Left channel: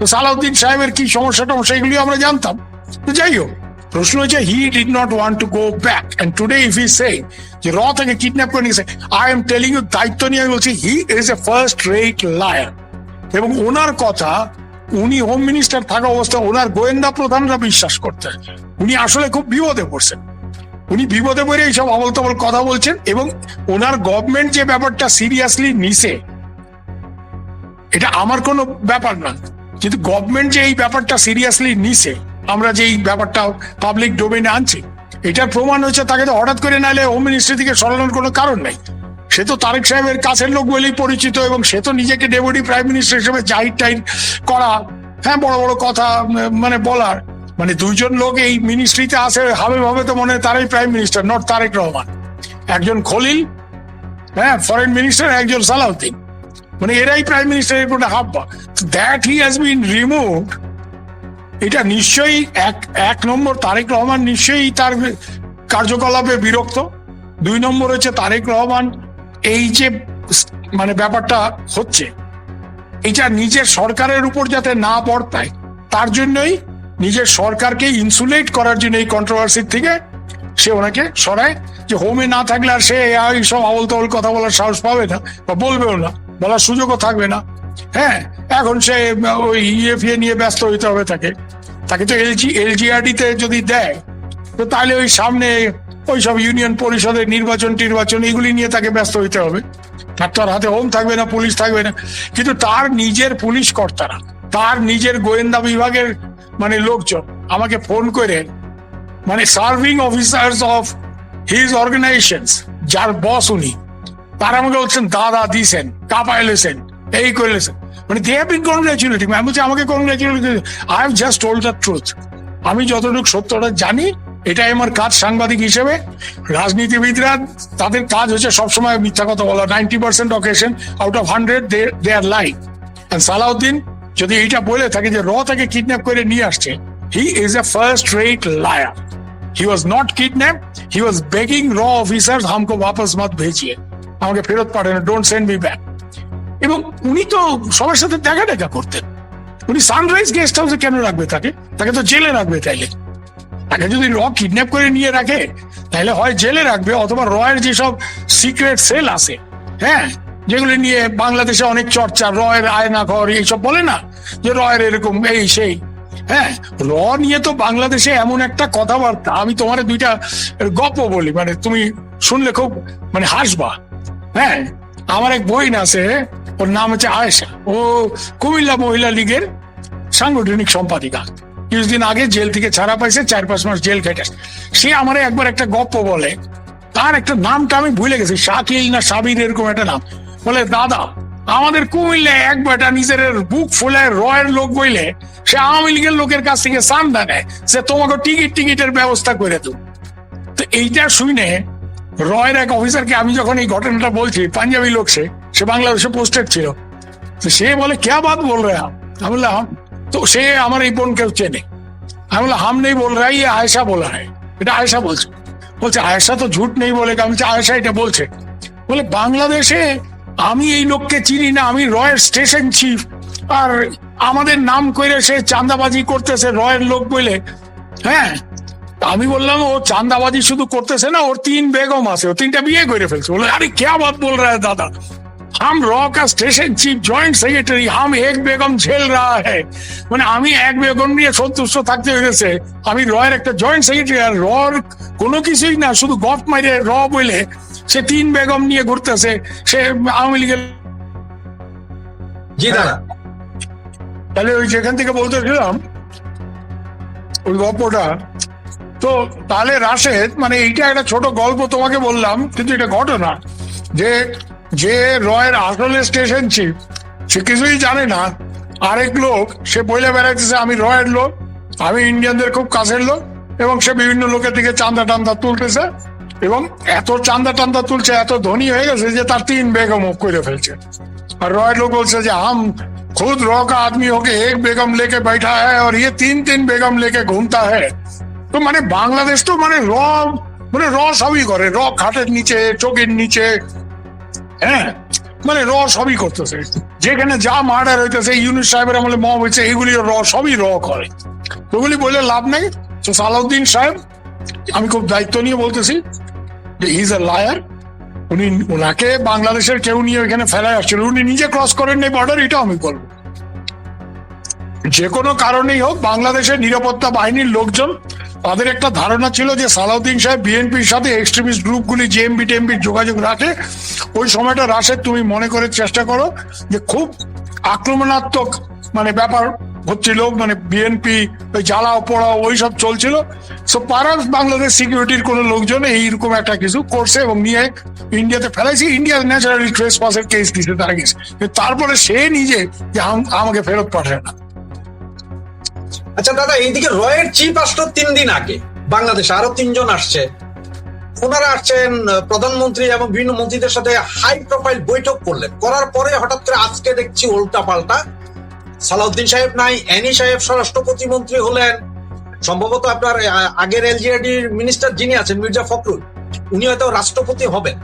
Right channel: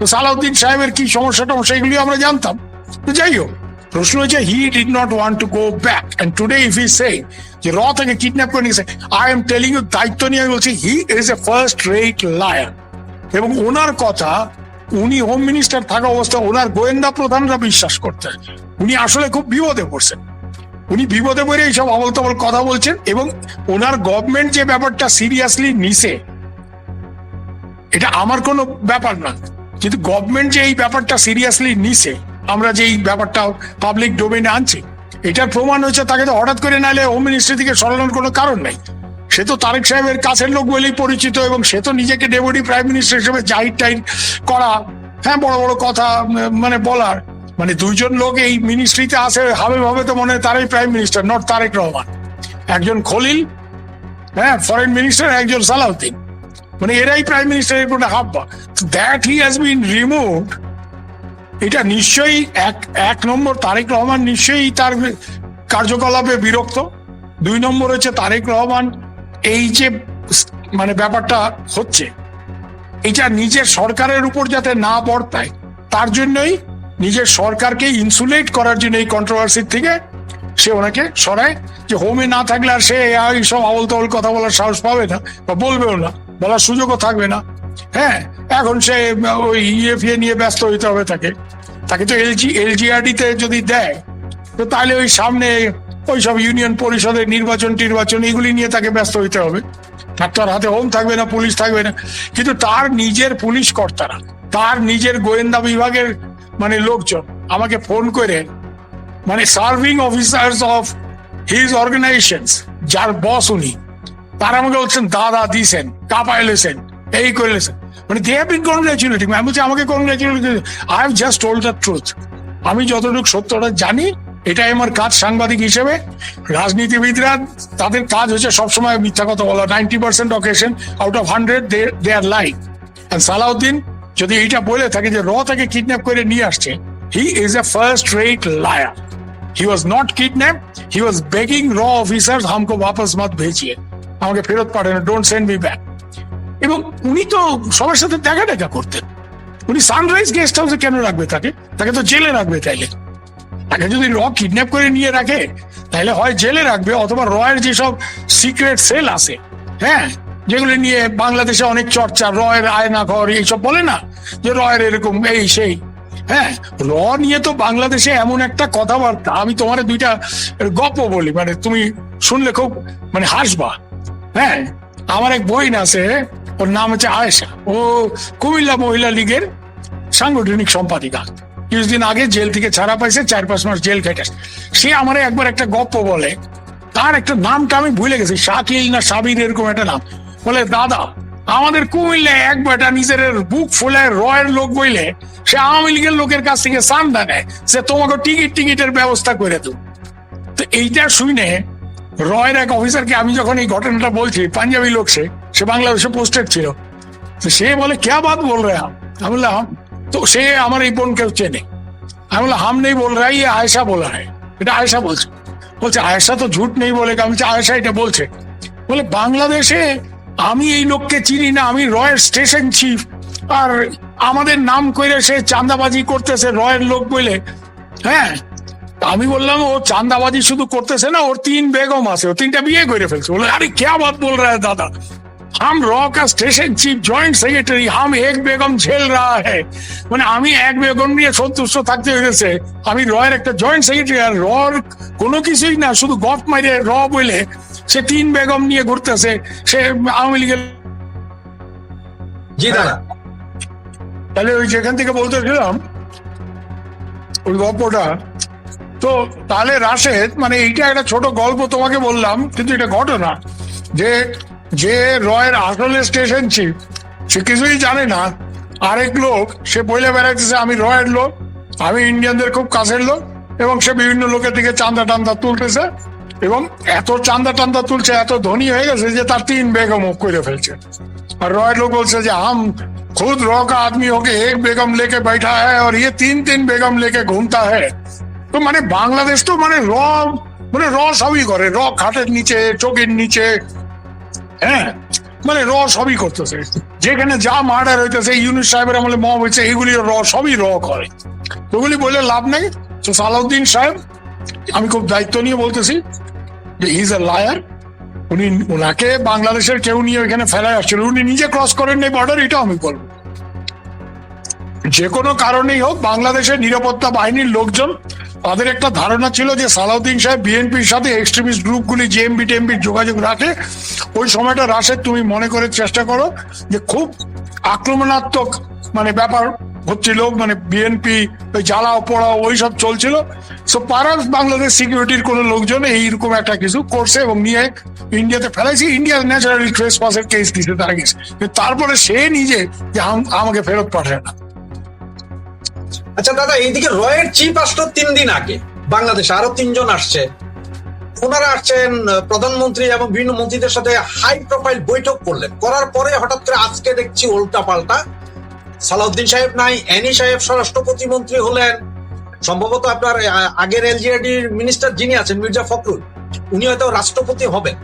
তো সালাউদ্দিন সাহেবের কি সমস্যা টমস্যা এগুলি আমরা জানতাম। তো যাই হোক, প্রশ্ন হচ্ছে he did not want to go back, and today if he say যে র থেকে কিডন্যাপ করে নিয়েছে, আই এম টেলিং ইউ, দায়িত্ব নিয়ে আমি বলছি he is a first rate liar. এবং ওনার কথা উনি হোম মিনিস্টার থাকা অবস্থায় ওনার গোয়েন্দা প্রধানরা বিশ্বাস করতেন। উনি আসলে খুব বিপদে পড়ছেন, উনি বিপদে পড়ে এইসব অবতমার কথা বলছেন। এবং ওনার গভর্নমেন্ট যে ব্যাপারটা সিরিয়াসলি নিছে, এটা আমার কোনো ব্যাপার না, কিন্তু গভর্নমেন্ট যে এই ব্যাপারটা সিরিয়াসলি নিছে, আমরা যে এই ব্যাপারটা পাবলিক ডোমেইনে আনছি, এটার প্রমাণ হচ্ছে তাকে তো হঠাৎ করে নাইলে হোম মিনিস্ট্রি থেকে সরানোর কোনো কারণ নাই। সে তো তারেক সাহেবের কাছের লোক বলেই পরিচিত, এবং সে তো নিজেকে ডেপুটি প্রাইম মিনিস্টার হিসেবে জাহির টাইর করা, হ্যাঁ বড় বড় কথা মানে বলার, মানে দুইজন লোক এই মিনিস্ট্রিতে আছে হবে ভাবে তো মনে হয় তারাই prime minister, not Tarique Rahman. একজন খলিল, হ্যাঁ ফরেন মিনিস্টার, একজন সালাউদ্দিন, মানে এরাই প্রাইম মিনিস্টার এর হাব্বা। That he has been removed, এটা নিশ্চয়ই এক নম্বর তারেক রহমান নিশ্চয়ই তার কার্যকলাপে বিরক্ত। দুই নম্বর হচ্ছে তারেক রহমান এই যে মানে ব্যাপারটা হচ্ছে, এটা নিজের সরকারের উপর যাতে না বর্তায় তার জন্যই নিজের সরকারকে ইনসুলেট করার জন্য এই কন্ট্রোভার্সির থেকে সে ওনাকে সরায়, যে হোমে না থাকলে আর সে এইসব আমল কথা বলার সাহস পাবে না বা বলবেও না, বলার সুযোগও থাকবে না। হ্যাঁ, এখন সে ওই ইএফএ নিয়ে ব্যস্ত হইতে হবে তাকে তো এলজিআরডি তে যদি দেয়, তো তাহলে ওই সামনে ওই সব ইউনিয়ন পরিষদের নির্বাচন এগুলি নিয়ে তাকে ব্যস্ত হইতে হবে। তার হাতে হোম থাকবে না, পুলিশ থাকবে না। কিন্তু তার নিজের পুলিশ কর্তারা, তার নিজের গোয়েন্দা বিভাগের মানে লোকজন আমাকে ফোন করে, মানে serving officers of his organisation, যার বস উনি, তারা আমাকে বলছেন দাদা দিছেন, কাপাইলেছেন, এই করেছেন, মানে they have been congratulating me। আমি বলছি আমাকে congratulate, I have just told the truth। আমি যতটুকু সত্যটা জানি, এটাই আমার কাজ সাংবাদিক হিসেবে। রাজনীতিবিদরা তাদের কাজ হচ্ছে সবসময় মিথ্যা কথা বলা, 90% occasion out of 100 they are live. সালাউদ্দিন যদি এটা বলে থাকে যে র থেকে কিডন্যাপ করে নিয়ে আসছে, he is a first rate liar. He was not kidnapped, he was begging raw officers हमको वापस मत भेजिए, আমাকে ফেরত পাঠানো, ডোন্ট সেন্ড মি ব্যাক। এবং উনি তো সবার সাথে দেখা করতেন, মানে সানরাইজ গেস্ট হাউসে কেন রাখবে তাকে তো জেলে রাখবে। তাইলে তাকে যদি র কিডন্যাপ করে নিয়ে রাখে, তাহলে হয় জেলে রাখবে, অথবা রয়ের যেসব সিক্রেট সেল আছে, হ্যাঁ যেগুলি নিয়ে বাংলাদেশে অনেক চর্চা, রয়ের আয়না ঘর এইসব বলে না, যে রয়ের এরকম এই সেই, হ্যাঁ র নিয়ে তো বাংলাদেশে এমন একটা কথাবার্তা, আমি তোমার দুইটা গল্প বলি, মানে তুমি শুনলে খুব মানে হাসবা। হ্যাঁ, আমার এক বোন আছে, ওর নাম হচ্ছে আয়েশা, ও কুমিল্লা মহিলা লীগের সাংগঠনিক সম্পাদিকা। কিছুদিন আগে জেল থেকে ছাড়া পাইছে, 4-5 মাস জেল কেটেছে। সে আমার একবার একটা গল্প বলে, তার একটা নামটা আমি ভুলে গেছি, শাকিল না সাবির এরকম একটা নাম। বলে দাদা, আমাদের কুমিল্লায় এক বেটা নিজের বুক ফুলায় রয়ের লোক বইলে সে আওয়ামী লীগের লোকের কাছ থেকে চান্দা নেয়, সে তোমাকে টিকিটের ব্যবস্থা করে দেবো। তো এইটা শুনে রয়ের এক অফিসারকে আমি যখন এই ঘটনাটা বলছি, পাঞ্জাবি লোক, সে বাংলাদেশে পোস্টেড ছিল, তো সে বলে ক্যা বাত বল রে আপ? আমি বললাম, তো সে আমার এই বোনকে চেনে। আমি বললাম হাম নেই বল রা, ये আয়েশা বলা है, এটা আয়েশা বলছে। বলছে আয়েশা তো ঝুট নেই বলে, আমি আয়েশা এটা বলছে। বলে বাংলাদেশে আমি এই লোককে চিনি না, আমি রয়ের স্টেশন চিফ, আর আমাদের নাম করে সে চাঁদাবাজি করতেছে রয়ের লোক বলে। হ্যাঁ, আমি বললাম ও চাঁদাবাজি শুধু করতেছে না, ওর 3 বেগম আছে, ও 3টা বিয়ে করে ফেলছে। বলে আরে क्या बात बोल रहा है दादा, हम रॉ का स्टेशन चीफ जॉइंट सेक्रेटरी, हम एक बेगम झेल रहा है। মানে আমি এক বেগম নিয়ে সন্তুষ্ট থাকতে হয়েছে, আমি রয়ের একটা জয়েন্ট সেক্রেটারি, আর রর কোনো কিছুই না, শুধু গপ মারে র বলে সে 3 বেগম নিয়ে ঘুরতেছে, সে আওয়ামী লীগের। জি দাদা, তাহলে ওই যেখান থেকে বলতেছিলাম ওই গল্পটা, তো তাহলে রাশেদ, মানে এইটা একটা ছোট গল্প তোমাকে বললাম, কিন্তু এটা ঘটনা যে যে রয়ের আসলে স্টেশন চিফ, সে কিছুই জানে না, আরেক লোক সে বইলে বেড়াইতেছে আমি রয়ের লোক, আমি ইন্ডিয়ানদের খুব কাছের লোক, এবং সে বিভিন্ন লোকের দিকে চান্দা টান্দা তুলতেছে, এবং এত চান্দা টান্দা তুলছে, এত ধনী হয়ে গেছে যে তার 3 বেগম করে ফেলছে। और रॉय लोग बोलते हैं हम खुद रॉय का आदमी होके एक बेगम लेके बैठा है और ये 3 बेगम लेके घूमता है। तो মানে বাংলাদেশ তো মানে র সবই করে, র খাটের নিচে, চোখের নিচে। হ্যাঁ, মানে সবই করতেছে, যেখানে যা মার্ডার হইতেছে, ইউনুস সাহেবের আমলে মব হয়েছে, এগুলি সবই করে। ওগুলি বলে লাভ নেই। তো সালাউদ্দিন সাহেব, আমি খুব দায়িত্ব নিয়ে বলতেছি, হি ইজ এ লায়ার। ওনাকে বাংলাদেশের কেউ নিয়ে এখানে ফেলে আসছিল, উনি নিজে ক্রস করেন এই বর্ডার, এটা আমি বলবো। যে কোনো কারণেই হোক, বাংলাদেশের নিরাপত্তা বাহিনীর লোকজন, তাদের একটা ধারণা ছিল যে সালাউদ্দিন সাহেব বিএনপির সাথে এক্সট্রিমিস্ট গ্রুপগুলি জেএমবি টেমবির যোগাযোগ রাখে। ওই সময়টা রাশেদ তুমি মনে করে চেষ্টা করো যে খুব আক্রমণাত্মক মানে ব্যাপার হচ্ছিল, মানে বিএনপি জ্বালাও পোড়াও ওইসব চলছিল। সো পারাস বাংলাদেশ সিকিউরিটির কোন লোকজন এইরকম একটা কিছু করছে এবং নিয়ে ইন্ডিয়াতে ফেলাইছে। ইন্ডিয়ার ন্যাচারাল ট্রেসপাসের কেস দিতে তারা গেছে, তারপরে সে নিজে আমাকে ফেরত পাঠায় না। আচ্ছা দাদা, এইদিকে রয়ের চিফ আসলো 3 দিন আগে বাংলাদেশে, আরো 3 জন আসছে। ওনারা আসছেন প্রধানমন্ত্রী এবং বিভিন্ন মন্ত্রীদের সাথে হাই প্রোফাইল বৈঠক করলেন, করার পরে হঠাৎ করে আজকে দেখছি উল্টা পাল্টা। সালাউদ্দিন সাহেব নাই, এনি সাহেব স্বরাষ্ট্র প্রতিমন্ত্রী হলেন, সম্ভবত আপনার আগের এলজিআরডির মিনিস্টার যিনি আছেন মির্জা ফখরুল, উনি হয়তো রাষ্ট্রপতি হবেন।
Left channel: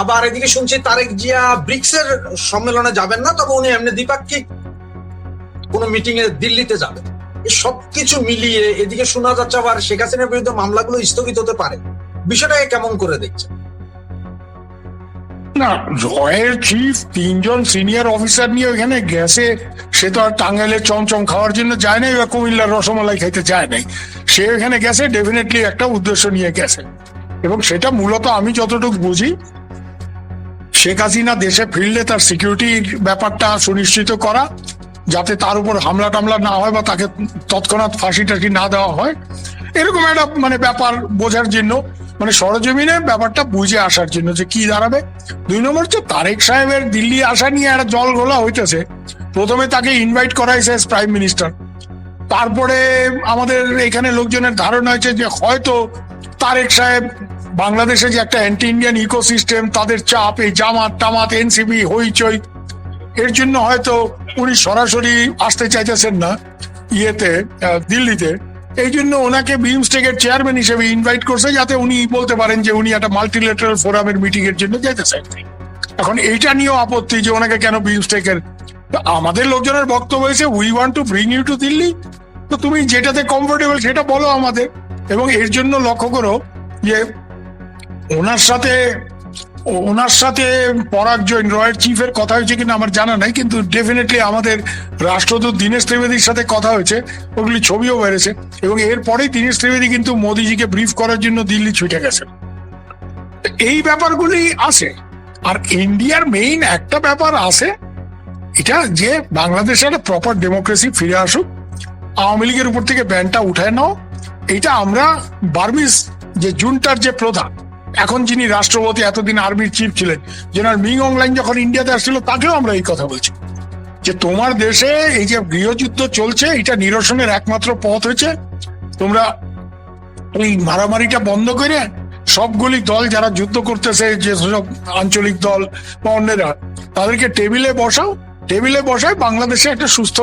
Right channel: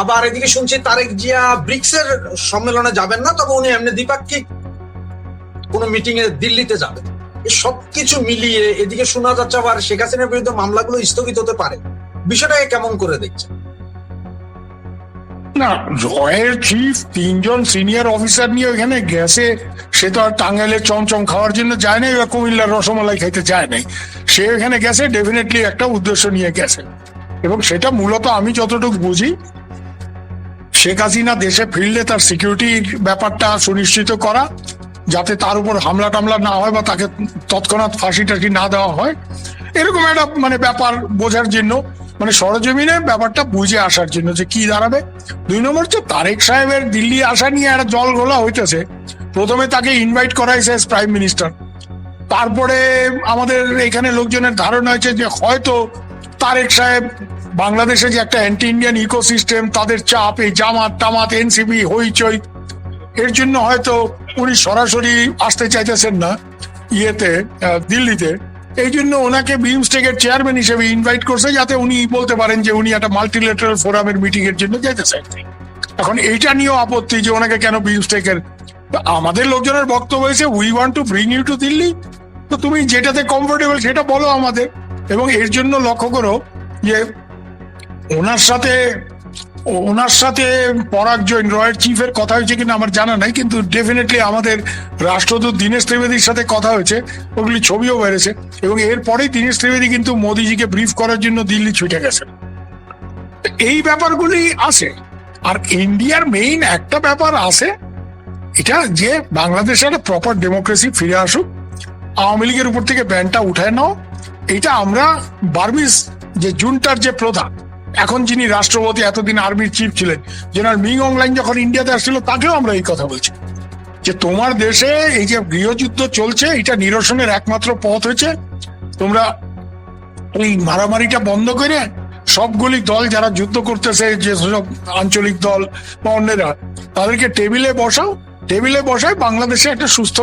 আবার এদিকে শুনছি তারেক জিয়া ব্রিক্সের সম্মেলনে যাবেন না, তবে উনি এমনি দ্বিপাক্ষিক কোন মিটিং এ দিল্লিতে যাবেন। এই সবকিছু মিলিয়ে এদিকে শোনা যাচ্ছে আবার শেখ হাসিনার বিরুদ্ধে মামলাগুলো স্থগিত হতে পারে। বিষয়টাকে কেমন করে দেখছেন? না, রয়ের চিফ 3 জন সিনিয়র অফিসার নিয়ে ওখানে গেছে, সে তো আর টাঙ্গাইলের চমচম খাওয়ার জন্য যায় নাই বা কুমিল্লার রসমালাই খাইতে যায় নাই। সে এখানে গেছে ডেফিনেটলি একটা উদ্দেশ্য নিয়ে গেছে, এবং সেটা মূলত আমি যতটুকু বুঝি, শেখ হাসিনা দেশে ফিরলে তার সিকিউরিটির ব্যাপারটা সুনিশ্চিত করা, যাতে তার উপর হামলা টামলা না হয় বা তাকে তৎক্ষণাৎ ফাঁসি টাসি না দেওয়া হয়, এরকম একটা মানে ব্যাপার বোঝার জন্য, মানে সরজমিনে ব্যাপারটা বুঝে আসার জন্য যে কি দাঁড়াবে। 2 নম্বর হচ্ছে তারেক সাহেবের দিল্লি আসা নিয়ে একটা জল ঘোলা হইতেছে। প্রথমে তাকে ইনভাইট করা হয়েছে প্রাইম মিনিস্টার, তারপরে আমাদের এখানে লোকজনের ধারণা হয়েছে যে হয়তো তারেক সাহেব বাংলাদেশে যে একটা অ্যান্টি ইন্ডিয়ান ইকোসিস্টেম, তাদের চাপ, এই জামাত টামাত এনসিপি হইচই, এর জন্য হয়তো উনি সরাসরি আসতে চাইতেছেন না ইয়েতে দিল্লিতে। এই জন্য ওনাকে বিমস্টেকের চেয়ারম্যান হিসেবে ইনভাইট করছে, যাতে উনি বলতে পারেন যে উনি একটা মাল্টিলেটারাল ফোরামের মিটিং এর জন্য যেতেছেন। এখন এইটা নিয়েও আপত্তি যে ওনাকে কেন বিমস্টেকের। আমাদের লোকজনের বক্তব্য হয়েছে, we want to bring you to Delhi, তো তুমি যেটাতে কমফোর্টেবল সেটা বলো আমাদের। এবং এর জন্য লক্ষ্য করো যে ওনার সাথে পরাগ জৈন রয়ের চিফের কথা হয়েছে কিনা আমার জানা নাই, কিন্তু ডেফিনেটলি আমাদের রাষ্ট্রদূত দীনেশ ত্রিবেদীর সাথে কথা হয়েছে, ওগুলি ছবিও বেড়েছে। এবং এরপরেই দীনেশ ত্রিবেদী কিন্তু মোদিজিকে ব্রিফ করার জন্য দিল্লি ছুটে গেছে। এই ব্যাপারগুলি আছে। আর ইন্ডিয়ার মেইন একটা ব্যাপার আছে, এটা যে বাংলাদেশের প্রপার ডেমোক্রেসি ফিরে আসুক, আওয়ামী লীগের উপর থেকে ব্যানটা উঠায় নাও। এটা আমরা বার্মিজ যে জুনটার যে প্রধান, এখন যিনি রাষ্ট্রপতি, এতদিন আর্মির চিফ ছিলেন জেনারেল মিং অংলাইন, যখন ইন্ডিয়াতে আসছিল তাকেও আমরা এই কথা বলছি যে তোমার দেশে এই যে গৃহযুদ্ধ চলছে, এটা নিরসনের একমাত্র পথ হচ্ছে তোমরা এই মারামারিটা বন্ধ করে সবগুলি দল যারা যুদ্ধ করতেছে, যে সব আঞ্চলিক দল বা অন্যরা, তাদেরকে টেবিলে বসায় বাংলাদেশে একটা সুস্থ,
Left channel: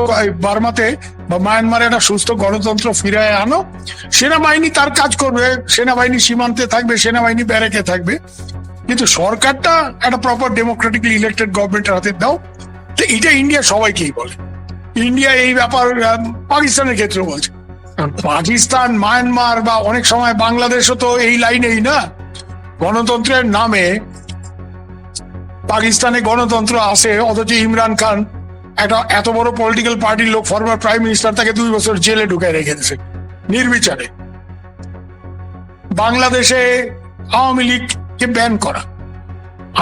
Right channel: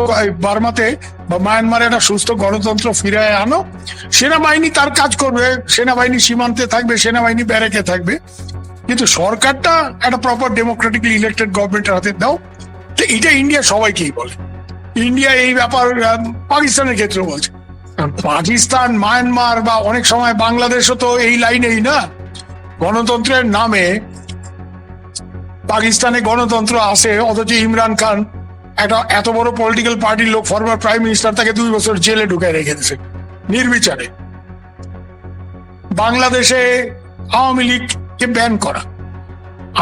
বার্মাতে মায়ানমারে একটা সুস্থ গণতন্ত্র ফিরে আনো। সেনাবাহিনী তার কাজ করবে, সেনাবাহিনী সীমান্তে থাকবে, সেনাবাহিনী ব্যারেকে থাকবে, কিন্তু সরকারটা একটা প্রপার ডেমোক্রেটিকলি ইলেক্টেড গভর্নমেন্টের হাতে দাও। তো এটা ইন্ডিয়া সবাইকেই বলে। ইন্ডিয়া এই ব্যাপার পাকিস্তানের ক্ষেত্রে বলছে। পাকিস্তান, মায়ানমার বা অনেক সময় বাংলাদেশও তো এই লাইনেই না, গণতন্ত্রের নামে পাকিস্তানে গণতন্ত্র আছে, অথচ ইমরান খান একটা এত বড় পলিটিক্যাল পার্টির লোক, ফরমার প্রাইম মিনিস্টার, তাকে 2 বছর জেলে ঢুকায় রেখে দিয়েছে নির্বিচারে। বাংলাদেশে আওয়ামী লীগকে ব্যান করা,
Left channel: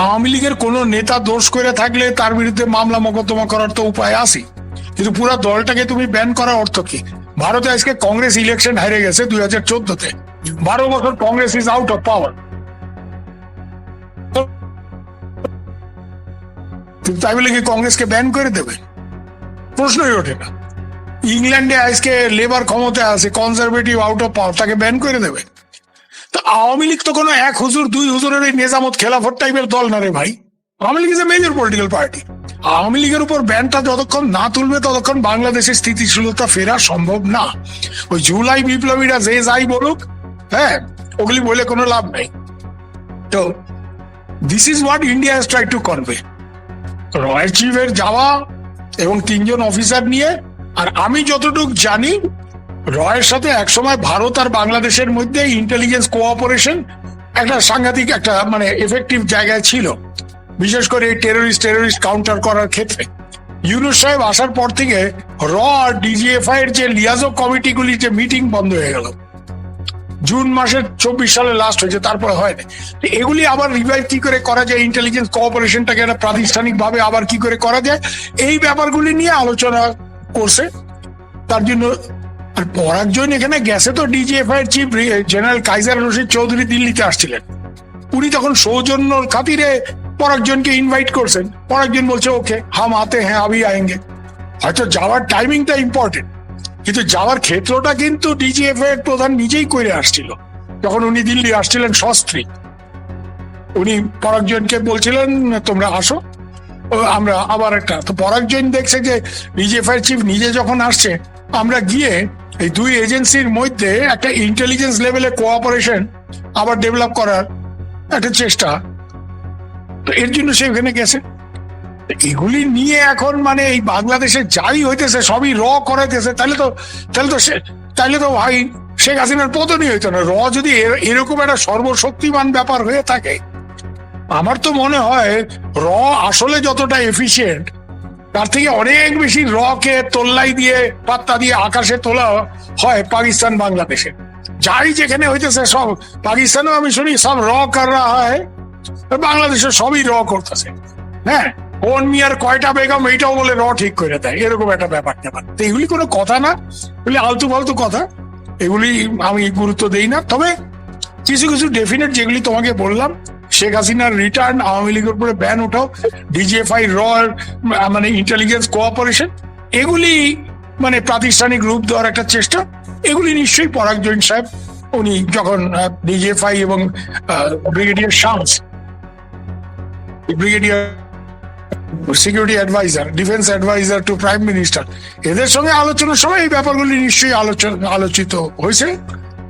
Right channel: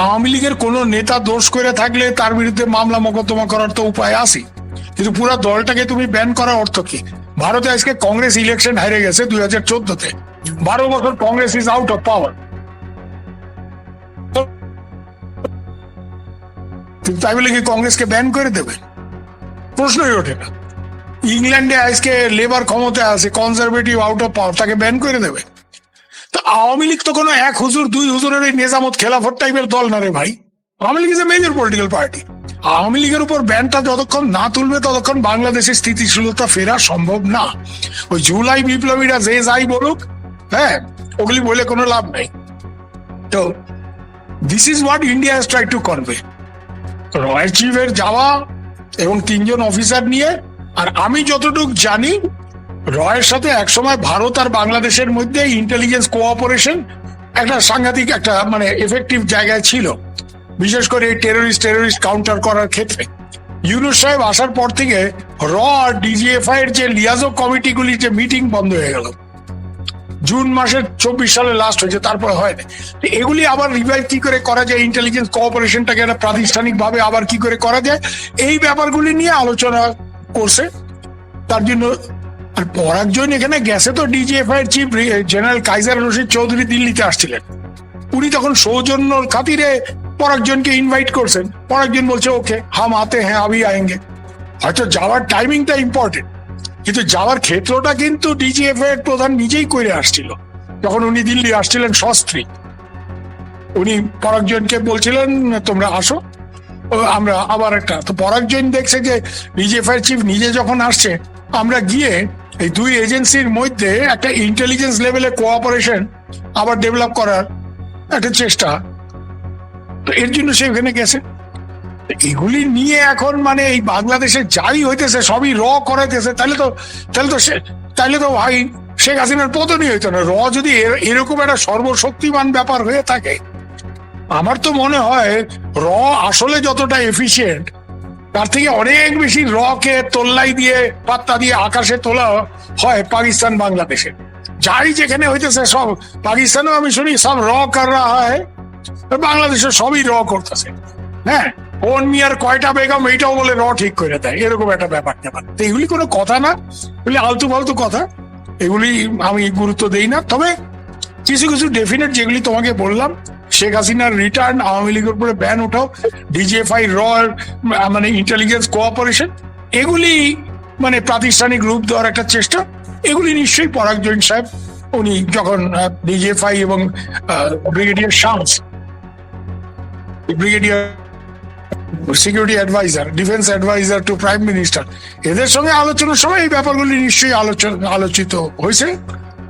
আওয়ামী লীগের কোন নেতা দোষ করে থাকলে তার বিরুদ্ধে মামলা মোকদ্দমা করার তো উপায় আছে, কিন্তু পুরো দলটাকে তুমি ব্যান করার অর্থ কি? ভারতে আজকে কংগ্রেস ইলেকশন হেরে গেছে 2014-তে, 12 বছর Congress is out of power. তাই বলে কি কংগ্রেসকে ব্যান করে দেবে? প্রশ্নই ওঠে না। ইংল্যান্ডে আজকে লেবার ক্ষমতায় আছে, কনজারভেটিভ আউট অফ পাওয়ার, তাকে ব্যান করে দেবে? তো আওয়ামী লীগ তো কোনো 1 হুজুর 2 হুজুরের এই নিজামত খেলাফত টাইপের দল না রে ভাই। Awami League is a major political party. Awami লীগের উপর ব্যান ততক্ষণ না তুলবে ততক্ষণ বাংলাদেশের স্থিতিশীলতা ফেরা সম্ভব না। ওই জুলাই বিপ্লবীরা যে যাই বলুক, হ্যাঁ, ওগুলি বলে কোনো লাভ নেই। তো this is what India has tried to convey. Royal চিফের যাওয়া এবং 3 জন অফিসার নিয়ে, আর আমি যতটুকু জানি রয়ের সাথে একসময় ভারত আর বাংলাদেশের মধ্যে ইন্টেলিজেন্স কোঅপারেশন একটা সাংঘাতিক একটা মানে এফেক্টিভ জায়গায় ছিল, বিশেষ করে টেররিস্ট কাউন্টার করার ক্ষেত্রে। ইউনূস সাহেব আসার পর থেকে র ডিজিএফআই এর যে লিয়াজো কমিটিগুলি যে মিটিং বন্ধ হয়ে গেল, জুন মাসের 24 সালে লাস্ট হয়েছে, তারপরে হয়নি। এগুলি আবার রিভাইভ কি করে করা যায়, ইন্টেলিজেন্স কোঅপারেশনটাকে একটা প্রাতিষ্ঠানিক ভাবে আবার কি করে করা যায়, এই ব্যাপারগুলি নিয়ে আলোচনা করছে। তার জন্য পরাগজন এখানে গেছে, তো ডিজিএফআই এর chief general Kaiser Rashid Chowdhury দিল্লিতে আসছিলেন, উনি তখন সৌজন্যর খাতিরে পরাগজনকে ইনভাইট করছেন। পরাগজন বলছে ওকে হাম আতে হ্যাঁ আবি আয়েঙ্গে। হয়তো যাওয়ার টাইমিংটা ইম্পর্টেন্ট, কিন্তু যাওয়ার ক্ষেত্রটা কিন্তু ডিজিএফআই এর প্রধান নিজেই করে আসছিল। তখন উনি দিল্লি আসছিলেন শাস্ত্রী, উনি পরাগজনকে বলছিলেন তোমরা আসো, আমরা আবার একটা। তো পরাগজন দেখছে যে ডিজিএফআই চিফ নিজে যখন আসছে, আমরা গিয়ে এই দুই এজেন্সির মধ্যে একটা ইন্টেলিজেন্স লেভেলে কোঅপারেশন আবার ডেভেলপ করার একটা চেষ্টা, তো এর জন্য সে ওখানে গেছে। এগুলি নিয়ে এখন মানে এই বাংলাদেশে যাই হইতেছে সবই র করাইতেছে, তাহলে তো ভাই শেখ হাসিনার পতনই হইতো না। র যদি এরকম একটা সর্বশক্তিমান ব্যাপার হয়ে থাকে, আমার তো মনে হয় র আসলে যতটা এফিশিয়েন্ট তার থেকে অনেক বেশি র কে তোল্লাই দিয়ে পাত্তা দিয়ে আকাশে তোলা হয় পাকিস্তান বাংলাদেশে। যাই যেখানে হইতেছে সব পাকিস্তানেও আমি শুনি সব র কর রা হয়, বাংলাদেশে সবই র করতেছে। হ্যাঁ, ওর মিয়ার কয়টা বেগম এইটাও বলে র ঠিক করে দেয়, এরকম একটা ব্যাপার। এগুলি কোনো কথা না, এগুলি আলতু ফালতু কথা, এগুলি আমি গুরুত্ব দেই না। তবে কিছু কিছু ডেফিনেট যেগুলি তোমাকে বললাম, শেখ হাসিনার রিটার্ন, আওয়ামী লীগের উপরে ব্যান ওঠাও, ডিজিএফআই র মানে ইন্টেলিজেন্স কোঅপারেশন, এগুলি মানে প্রাতিষ্ঠানিক রূপ দেওয়ার একটা চেষ্টা, এগুলি নিশ্চয়ই পরাগজন সাহেব উনি যখন ডিজিএফআই এবং brigadier Shams, brigadier security adviser, defence adviser to prime minister, এদের সঙ্গে আলোচনার সময় এই ব্যাপারগুলি নিশ্চয়ই আলোচিত হয়েছে,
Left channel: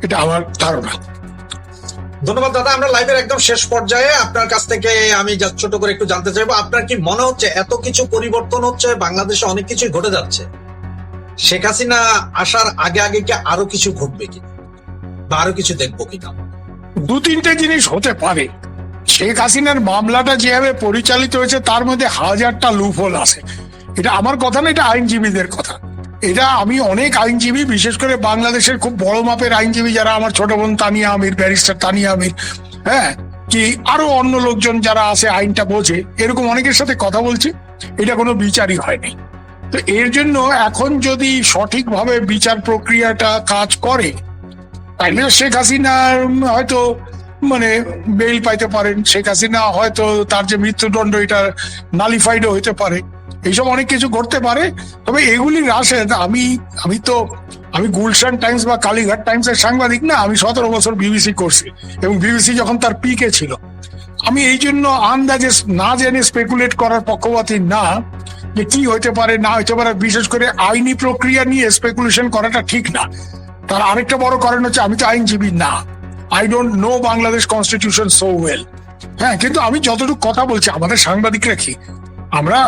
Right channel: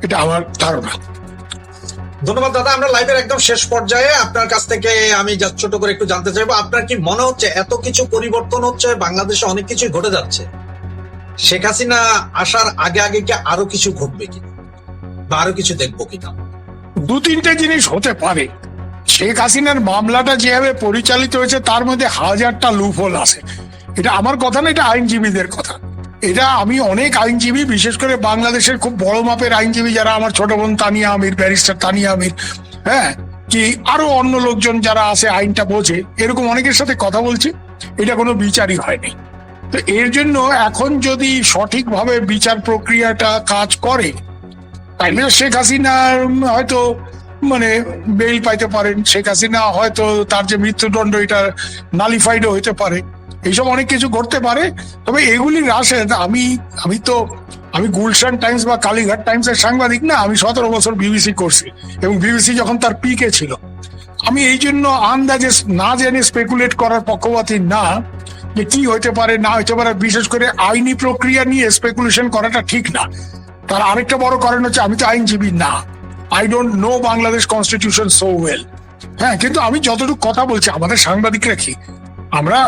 এটা আমার ধারণা। ধন্যবাদ দাদা। আমরা লাইভের একদম শেষ পর্যায়ে আপনার কাছ থেকে আমি just ছোট করে একটু জানতে চাইবো, আপনার কি মনে হচ্ছে এত কিছু পরিবর্তন হচ্ছে, বাংলাদেশে অনেক কিছু ঘটে যাচ্ছে, শেখ হাসিনা আসার আগে আগে কি আরো কিছু ঘটবে কিনা, বা আরো কিছু দেখবো কিনা? 2-3টে জিনিস হতে পারে। শেখ হাসিনার মামলাটা যেভাবে পরিচালিত হয়েছে তার মধ্যে 1000টা লুপহোল আছে। এটা আমার কথা না, এটা আইনজীবীদের কথা। এটা আমি অনেক আইনজীবী, বিশেষ করে বাংলাদেশের খুব বড় মাপের আইনজীবী যারা, আমার ছোট বোন তানিয়া আমির, ব্যারিস্টার তানিয়া আমির, হ্যাঁ, কি আরো অন্য লোকজন যারা আছে আইনটা বোঝে, এরকম অনেকের সাথে কথা বলছি, এটা কোনো বিচারই হয়নি। তো এর জন্য এখন যদি সঠিকভাবে বিচার প্রক্রিয়াটা কাজ করে, তাইলে শেখ হাসিনার হয়তো মানে বেল পাইতে পারেন, শেখ হাসিনা হয়তো তার যে মৃত্যুদণ্ড এটা নালিফাইডও হইতে পারে, এইসব অনেক কিছু ঘটতে পারে। তবে এগুলি আসে, আমি গুলশান টাইমস বা কালীঘাট টাইমস এর সাংবাদিক না, আমি 17 বছর বিবিসি করছি, এবং বিবিসি যখন তার পিকে ছিল, আমি এই জন্য আন্দাজে না জেনে স্পেকুলেট করার পক্ষপাতী না যে কি হইতে পারে না হইতে পারে, বিশেষ করে আইনি প্রক্রিয়া নিয়ে স্পেকুলেশন করাটা ঠিক না। তার আরেকটা বড় কারণ হচ্ছে আমি তো আইনজীবী না, I don't know Bangladesh constitution so well. হ্যাঁ, কিন্তু আমি যতটুকু কথা বলছি, আমাদের সাংবাদিকরা কি, আমরা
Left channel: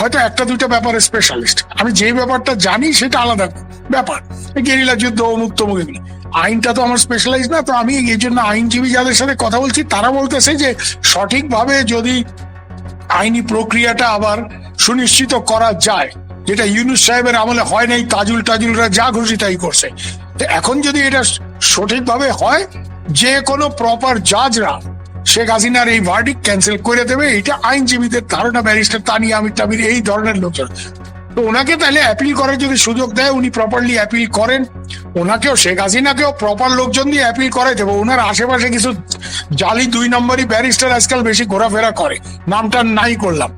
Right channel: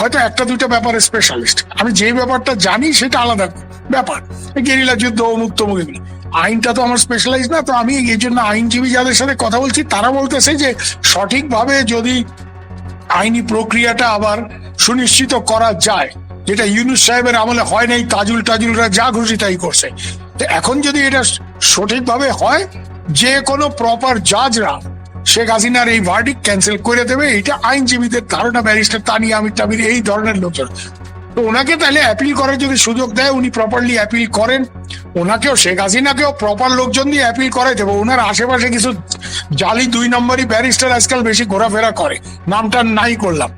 হয়তো 1-2টা ব্যাপারে স্পেশালিস্ট, আমি যে ব্যাপারটা জানি সেটা আলাদা ব্যাপার, গেরিলা যুদ্ধ মুক্ত মুখে, আইনটা তো আমার স্পেশালাইজ না। তো আমি এই জন্য আইনজীবী যাদের সাথে কথা বলছি তারা বলতেছে যে সঠিকভাবে যদি আইনি প্রক্রিয়াটা আবার সুনিশ্চিত করা যায়, যেটা ইউনূস সাহেবের আমলে হয় নাই, তাজুলরা যা খুশি তাই করছে, তো এখন যদি এটা সঠিকভাবে হয়, যে কোনো প্রপার জাজরা শেখ হাসিনার এই ভার্ডিক্ট ক্যান্সেল করে দেবে, এটা আইনজীবীদের ধারণা, ব্যারিস্টার তানিয়া আমির টামির এই ধরনের লোকজন। তো ওনাকে তাহলে অ্যাপিল করার যদি সুযোগ দেয়, উনি প্রপারলি অ্যাপিল করেন, ওনাকেও শেখ হাসিনাকেও প্রপার লোকজন দিয়ে অ্যাপিল করাই দেবো। ওনার আশেপাশে কিছু জালি 2 নম্বরই ব্যারিস্টার আজকাল বেশি ঘোরাফেরা করে, নামটা নাই করলাম,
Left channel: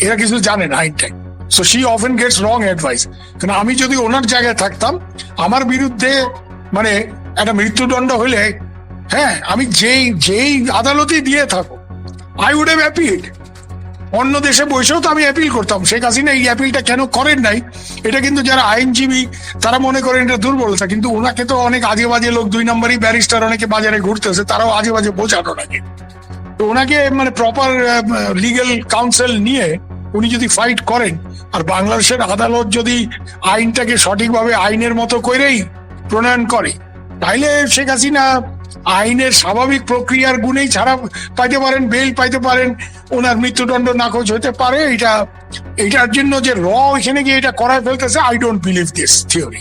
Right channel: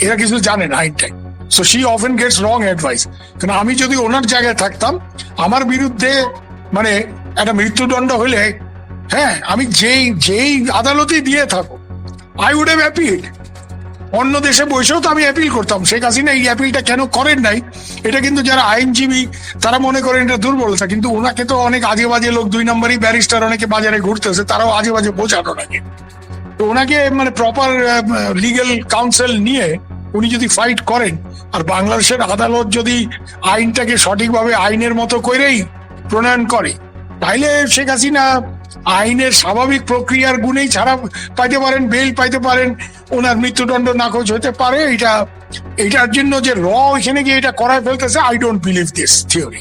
এটা কিছু জানে রাইটটাই, so she often gets wrong advice. আমি যদি ওনার জায়গায় থাকতাম, আমার বিরুদ্ধে মানে একটা মৃত্যুদণ্ড হলে, হ্যাঁ, আমি যেই আদালতে দিয়ে থাকবো, আই উড হ্যাভ অ্যাপিল। অন্য দেশে বসেও তো আমি অ্যাপিল করতাম। শেখ হাসিনা এই অ্যাপিলটা কেন করেন নাই, এটা কিন্তু যারা আইনজীবী তারা মনে করেন এটা দুর্বলতা, কিন্তু ওনাকে তো অনেক আজে বাজে লোক, 2 নম্বরই ব্যারিস্টার অনেকে বাজারে ঘুরতেছে, তারাও আজে বাজে বোঝানো নাকি। তো ওনাকে মানে প্রপার লিগেল কাউন্সিল নিয়ে উনি যদি ফাইট করেন আর বাংলাদেশের আদালত যদি আইনটাকে সঠিকভাবে আইনের মতো করেই প্রণয়ন করে, তাইলে শেখ হাসিনা আইনের স্বাভাবিক প্রক্রিয়ার গুণেই ছাড়া পাইতে পারেন, বেল পাইতে পারেন, ওনার মৃত্যুদণ্ড নাকচ হতে পারে। এটার জন্য যে র এখানে গিয়ে এটা করায় ফেলতেছে, I don't believe this theory.